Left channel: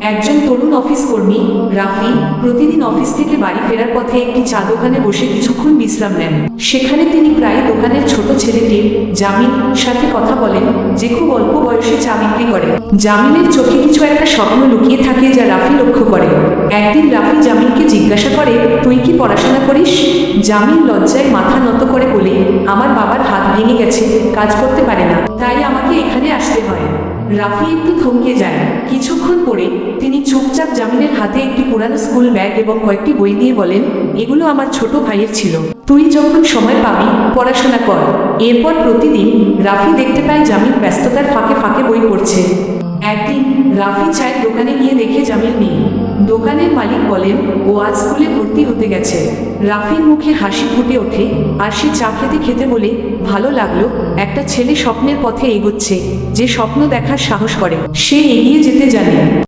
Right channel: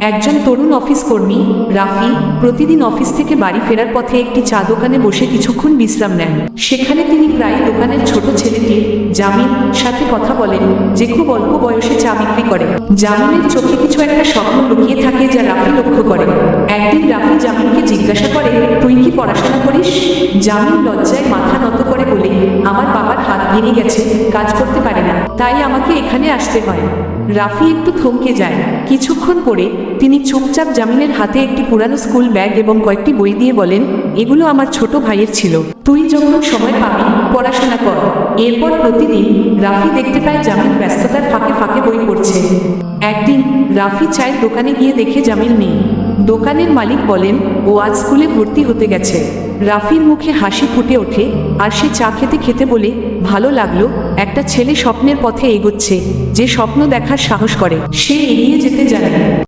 একজন তরুণ অফিস কর্মী রাফি প্রতিদিন অফিস থেকে বাড়ি ফেরার পথে একটি চা দোকানে বসে কিছুক্ষণ বিশ্রাম নেন। সেখানে তিনি প্রায় দোকানের ছোট ছেলেটির জামিল সাথে কথা বলেন, যে খুব অল্প বয়সে চা বিক্রি করে। জামিলের চোখে কিছু একটা স্বপ্ন লুকিয়ে থাকে যা রাফি লক্ষ্য করে। একদিন রাফি জামিলকে জিজ্ঞাসা করে, তুই কি পড়াশোনা করিস? জামিল লজ্জায় মাথা নত করে বলে, আমার বাবার হাত ভেঙে গেছে, কাজ করতে পারে না, তাই আমাকে এখানে আসতে হয়। রাফি একটু থমকে যায়। কিছুক্ষণ পরে তিনি চুপচাপ জামিনের হাতে একটি পুরানো স্কুল ব্যাগ এবং কয়েকটি বই দিয়ে বলেন, এগুলো আমার ছোট ভাইয়ের ছিল, তুই যখন সময় পাবি পড়াশোনা কর। এরপর প্রতিদিন রাফি দেখতে পায় জামিল ব্যস্ততার ফাঁকে ফাঁকে বই পড়ছে। একদিন রাফি চায়ের দোকানে গিয়ে দেখে জামিল নেই। দোকানের মালিক বলেন, ও আজ স্কুলে ভর্তি হতে গেছে। রাফির মুখে হাসি ফুটে ওঠে আর সে চা খেতে খেতে বলে, ভালো লাগলো, একটা ছেলে স্বপ্নের পথে এগোচ্ছে, যে স্বপ্ন দেখার সাহস করে, সে এগিয়ে যেতে জানে।